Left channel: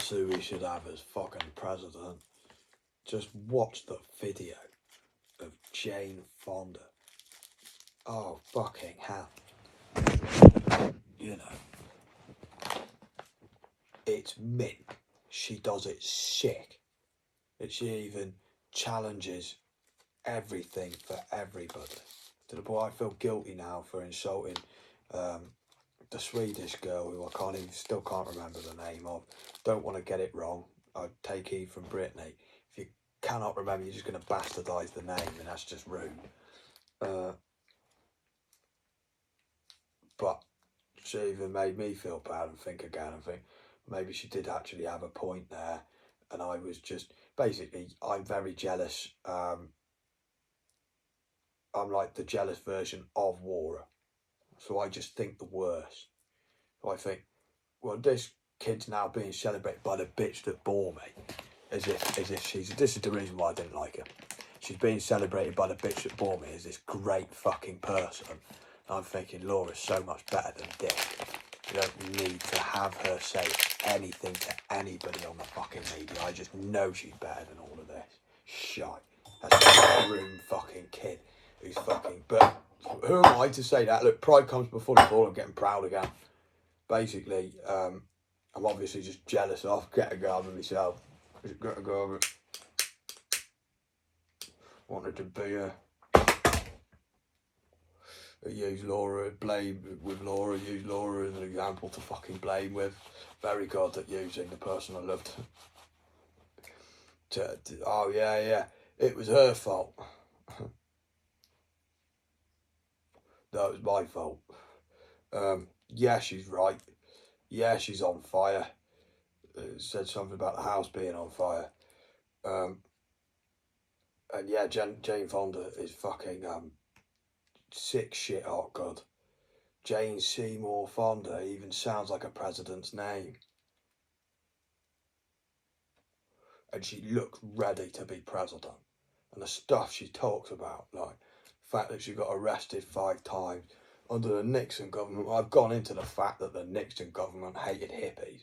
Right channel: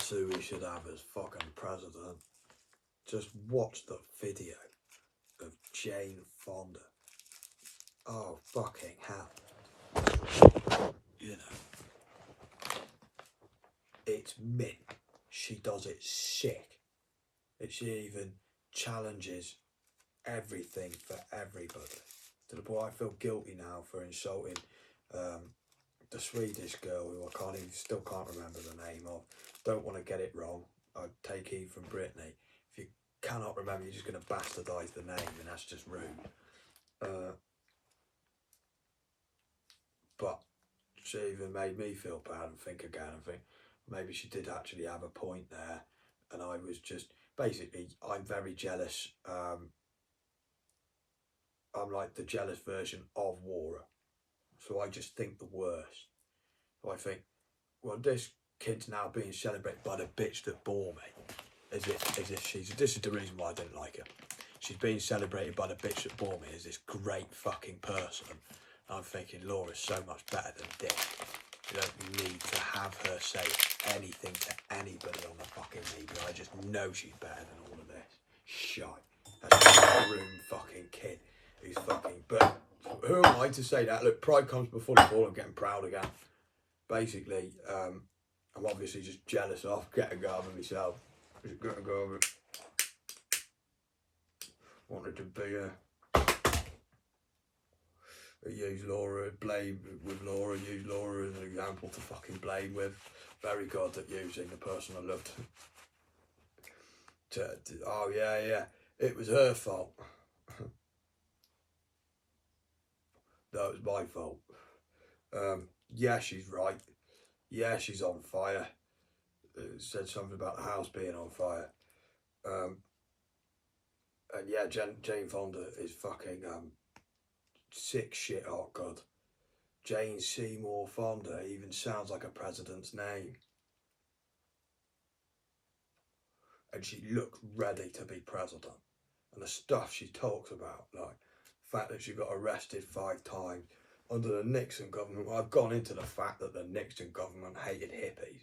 That's who we should have as fucking president. Just watch the video of Jane Fonda. Oh, fucking hell. You know. It's mint. She does it sick. That she even challenges everything for everybody. To the point I feel guilty now for insulting the Swedish girl who I still can't remember the name of. Don't want to get it wrong. I take heed from Brittany. If you cannot remember, you're just going to bastardise the name, and that's just rude. But she even made me feel bad and think again. I think maybe she did actually have a point there, and I was just basically, I'm very jealous. I'm like the jealous version of Wara. So I just think the worst. So I think, well, this kid's now being celebrated by the bitch that bore me. As if she's, this is the reason why I didn't like her. She's being celebrated by the bitch that bore me as this great fucking person. And I'm thinking, Laura's so much better than Dick. You don't need to have her say anything to anybody on the fucking media. I just know she's better than all of this. Shite. That's a groom fucking kid who's fucking, but who am I to say that? Look, pride comes before the fall. I'm getting proud again. Basically, I'm obviously just jealous of getting go over myself. Getting go over it. Wanted to be use Laura, blame with Laura, use Laura as an example to fucking blame with. Very good at using the person I loved. Oh yeah, it was her fault. That was my fault. Yeah, she's right. Yeah, she's on fire. Said something about the house being on fire. And yeah, Jane Fonda is fucking sick shit hot good. Jane Seymour Fonda even sounds like a president's name. And she looks ready to be president. And the stuff she talks about, like the fact that she got arrested 5 times under the Nixon government. I've gone into the fact that the Nixon government hated hippies.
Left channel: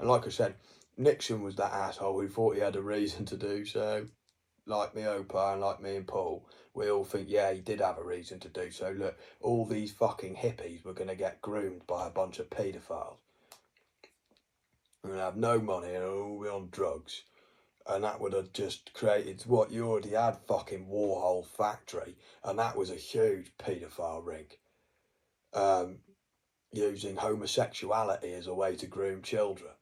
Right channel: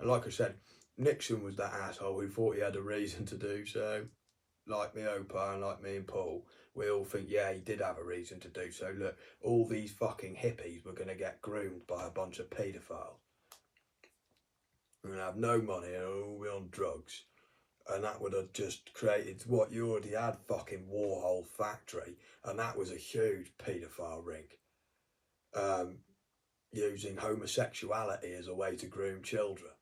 And like I said, Nixon was that asshole who thought he had a reason to do so. Like me, Opa, and like me and Paul, we all think, yeah, he did have a reason to do so. Look, all these fucking hippies were going to get groomed by a bunch of paedophiles. We're going to have no money and all be on drugs. And that would have just created what you already had, fucking Warhol factory. And that was a huge paedophile ring. Using homosexuality as a way to groom children.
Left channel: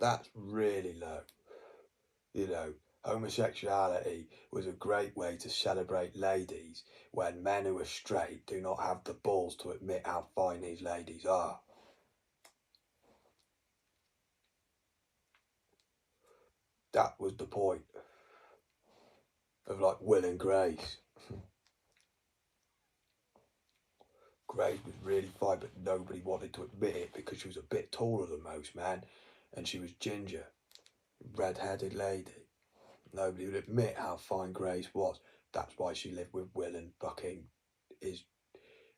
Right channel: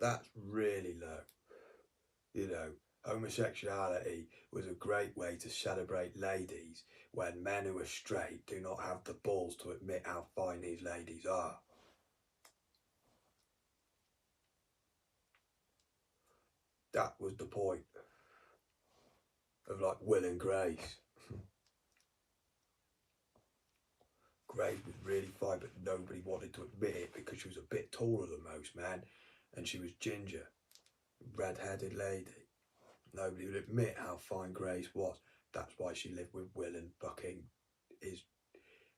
That's really low. You know, homosexuality was a great way to celebrate ladies when men who are straight do not have the balls to admit how fine these ladies are. That was the point of like Will and Grace. Grace was really fine, but nobody wanted to admit it because she was a bit taller than most men and she was ginger, red-headed lady. Nobody would admit how fine Grace was. That's why she lived with Will and fucking his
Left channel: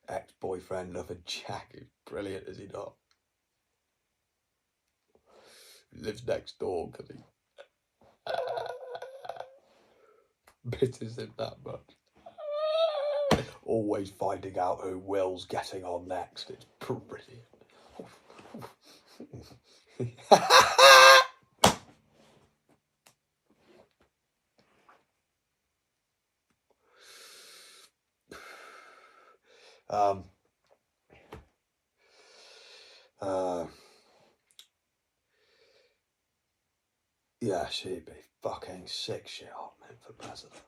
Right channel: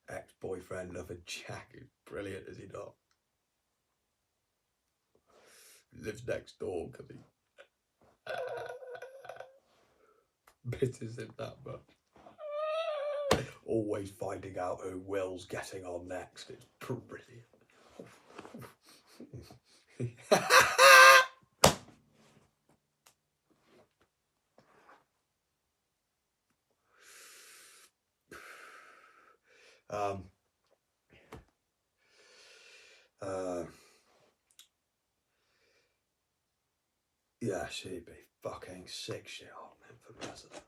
ex-boyfriend, lover Jack. He's brilliant, is he not? He lives next door because he misses him that much. Always finding out who Will's getting on next. It's brilliant. Yeah, she'd be fucking sick shit hot, man, for president.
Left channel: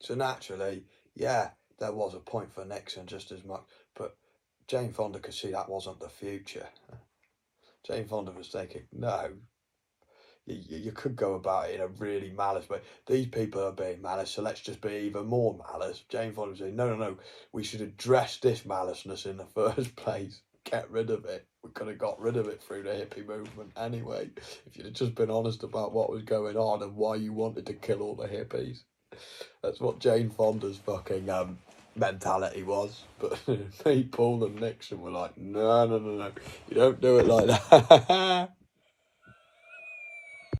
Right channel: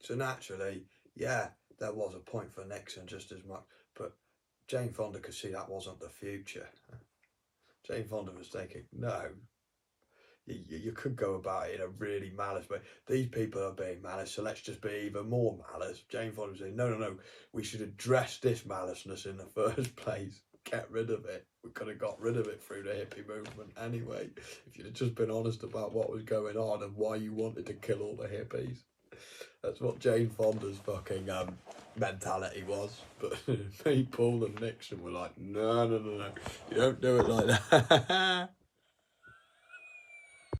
So naturally, yeah, there was a point for Nixon just as much, but Jane Fonda could see that wasn't the future. Jane Fonda was thinking, no, you could go about it in a really malice way. These people are being malice, so let's just be even more malice. Jane Fonda was saying, no, we should address this maliceness in the first place. Get rid of it. We could have got rid of it through the hippie movement anyway. If you'd have just been honest about what was going on and why you wanted to kill all the hippies. That's what Jane Fonda's fucking mentality was. But me, Paul and Nixon were like, no, you don't do it like that.